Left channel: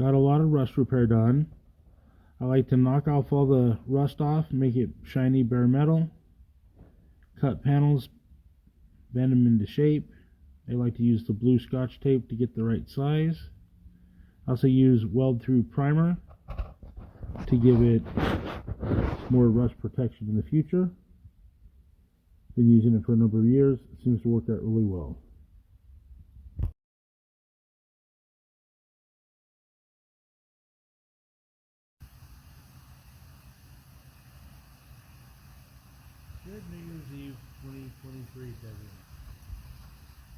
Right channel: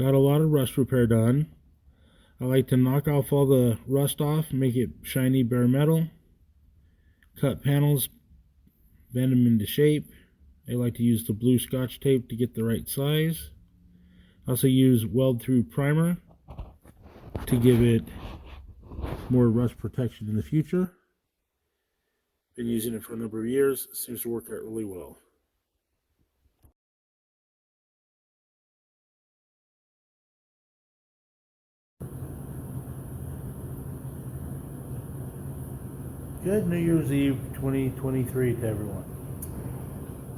Got a lot of rust repair done. I like to knock off all the rust off, make it shiny bare metal. Cut panels, bend them into shape. I like to use the blue Scotch tape to get the right size. I also use weld through primer to give it more rust protection in the future. Been using it for a number of years. It seems to work out really well. Good New Year's Eve 2023 to everyone.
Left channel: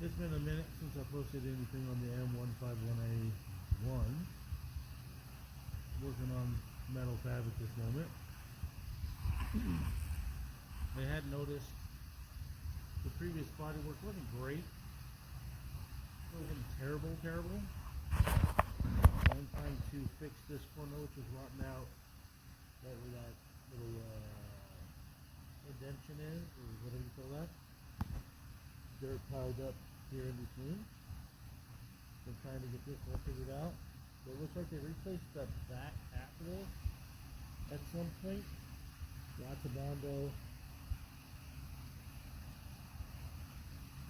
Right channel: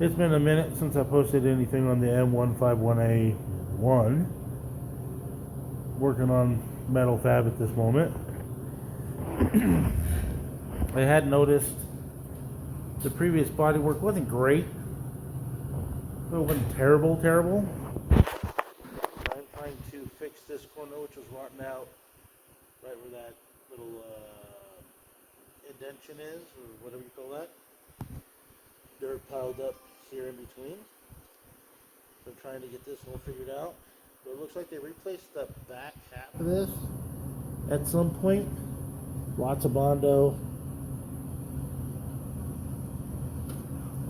It's been a minute since I posted anything on the M151A1. Working on metal fab at this moment. I had noticed the previous bodywork wasn't great. It wasn't terrible. I'm trying to fix this corner, which was rotten out, right where that little indention is, or whatever you call that. Dirt piled up here in between. So I'm trying to get this all figured out. But it looks like they replaced the back half of this at some point. Lots of Bondo.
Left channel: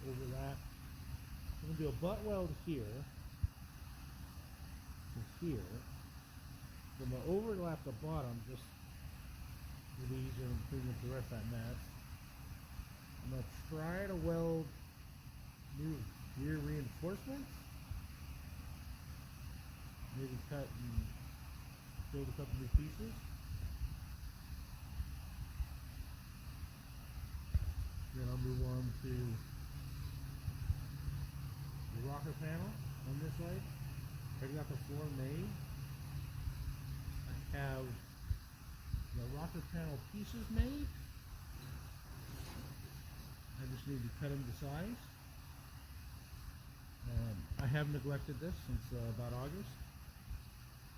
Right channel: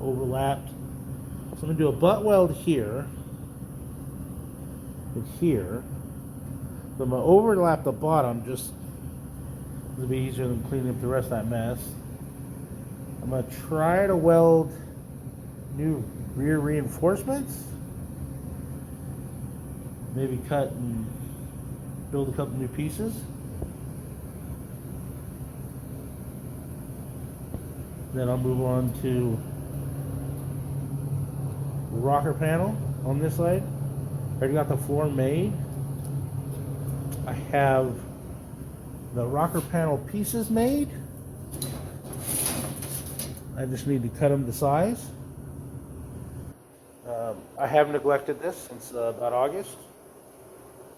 Overlapped. So I'm going to do a butt weld here. And here. So I'm going to overlap the bottom just it'll be easier than cleaning up the rest of that mess. I'm going to try to weld new rear reinforcements. Maybe cut and build a couple new pieces. Then I'll move on to the rocker panel on this side. I already got the floor made. I have the rocker panel pieces made. I just need to cut them to size. I have neglected this since about August,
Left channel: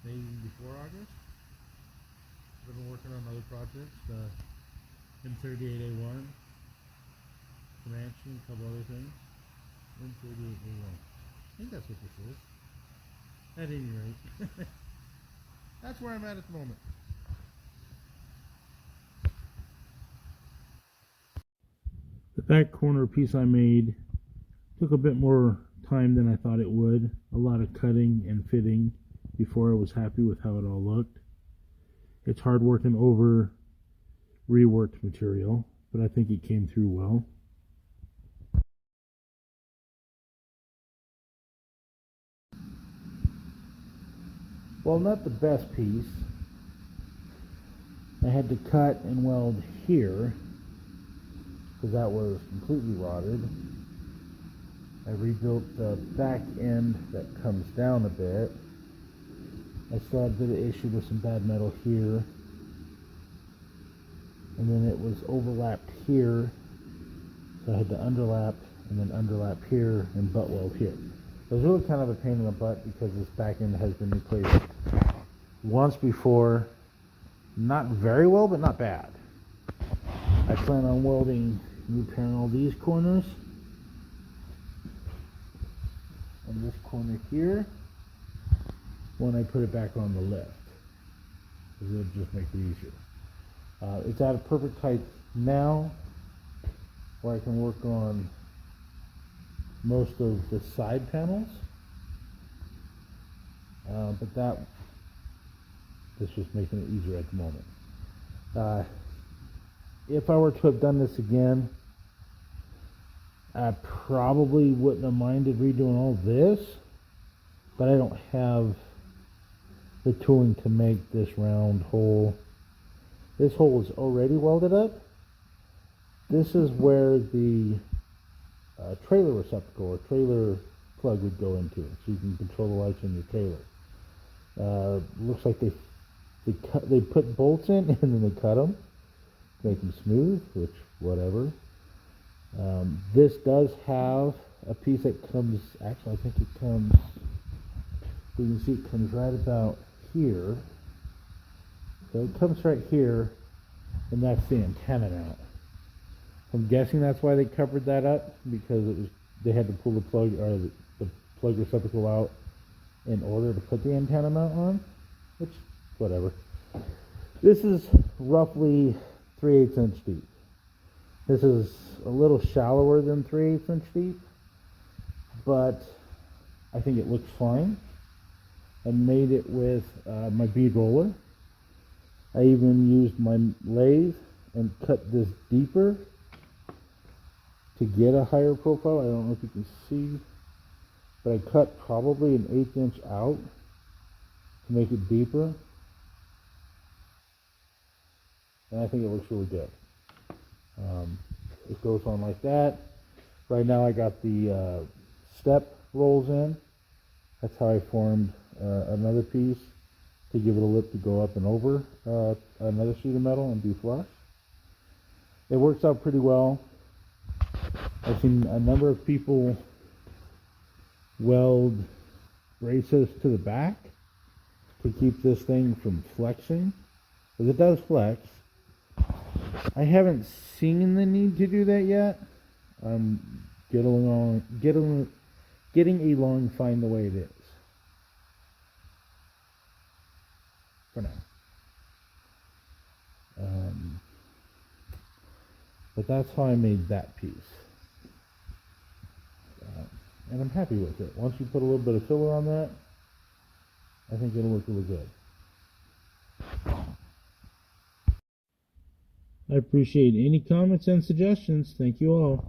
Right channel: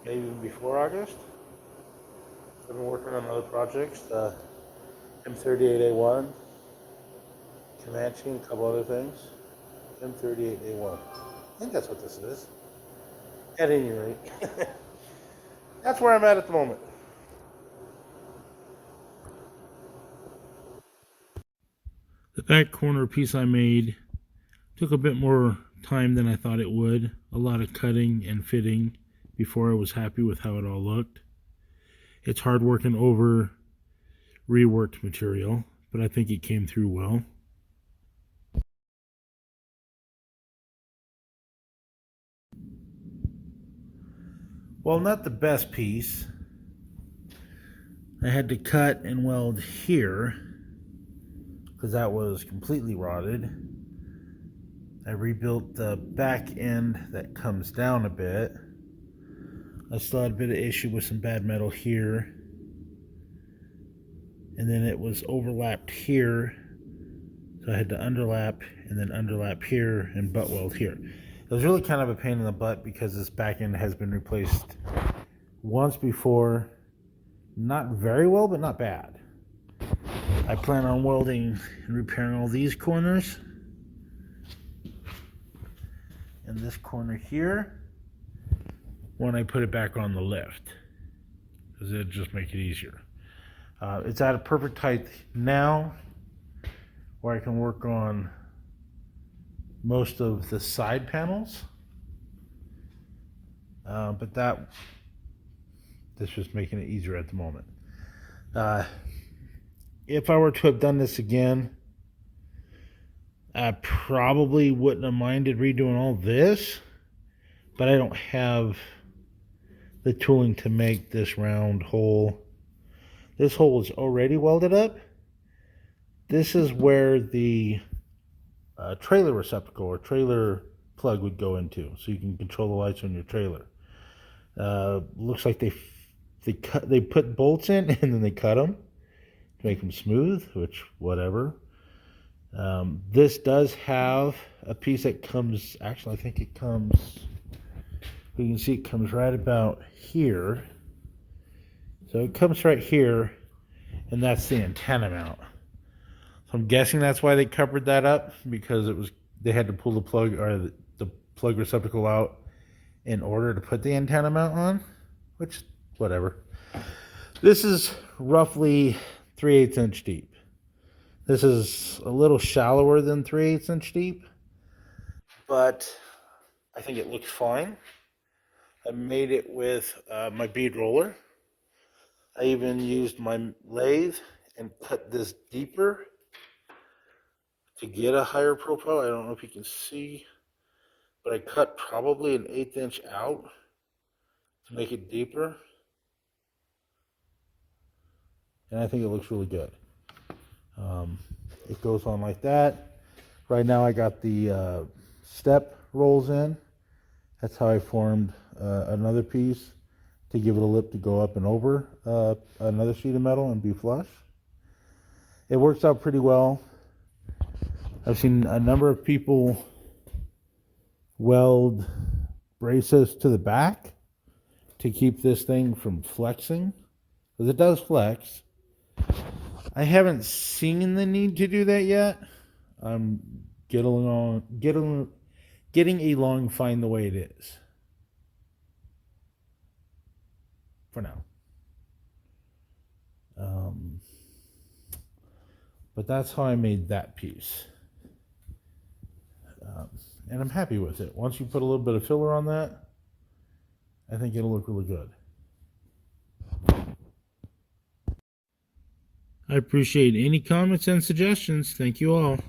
maybe even before August. I've been working on other projects, the M38A1, Comanche, and a couple other things. M38A1. I think that's what this is. At any rate, that's where I'm at the moment. The back corner piece I made took a bit more time than I thought it would. A lot of cutting and fitting before I was happy with how it all looked. It's hard working over reworked material, but I think it came through well. Well, not the best piece. I had to cut and weld here because that was completely rotted. I rebuilt the back end that comes down a bit. I still had a bit of issue with some bad metal here. And then it was overlapped here. So I had to underlap and then underlap here and butt weld here. It was really kind of a pain in the butt because this back end has been replaced once before. Not very well, but not bad. I plan on welding and repairing all these corners. And this corner here when I put it back on the lift, because it'll just make it easier. It's at a perfect height now where I can work on most of the side panels, but that's just making it easier at the moment. If I were to have done this again, I probably wouldn't have minded redoing all this, but I don't have the tooling to make this round hole. This hole is already welded up. This is where the trailer receptacle or trailer plug would go into, so you can control the lights on your trailer. Looks like they put bolts in and then they cut them to make them smooth, which whatever. This does have a piece that comes, actually I think it comes, you can see it comes right about here. So it comes right here, and that's the antenna mount. So I'm guessing that's why they covered that up, because they had to pull the plug or the plug receptacle out in order to put the antenna mount on, which, whatever. This is roughly 3/8 inch deep. This is a little shallower than 3/8 inch deep, but I think it looks fine. I made it with my bead roller. I even used my lathe and cut this deeper to get a higher profile. I don't know if you can see, but I cut probably an 1/8 inch out to make it deeper. And I think it looks really good. It goes on like that. Right now I got the step rolls in. That's how I formed another piece to give it a lip to go up and over another sheet of metal and be flush. It works out pretty well. I've seen a number of people weld braces to the back to keep this thing from flexing, because it does flex. I haven't seen the need to do that yet. I'm getting along fine the way it is for now. But that's how I made that piece. And I'm happy with it. Once you put a little bit of filler on that, I think it'll look really good. I appreciate any comments and suggestions. Thank you all.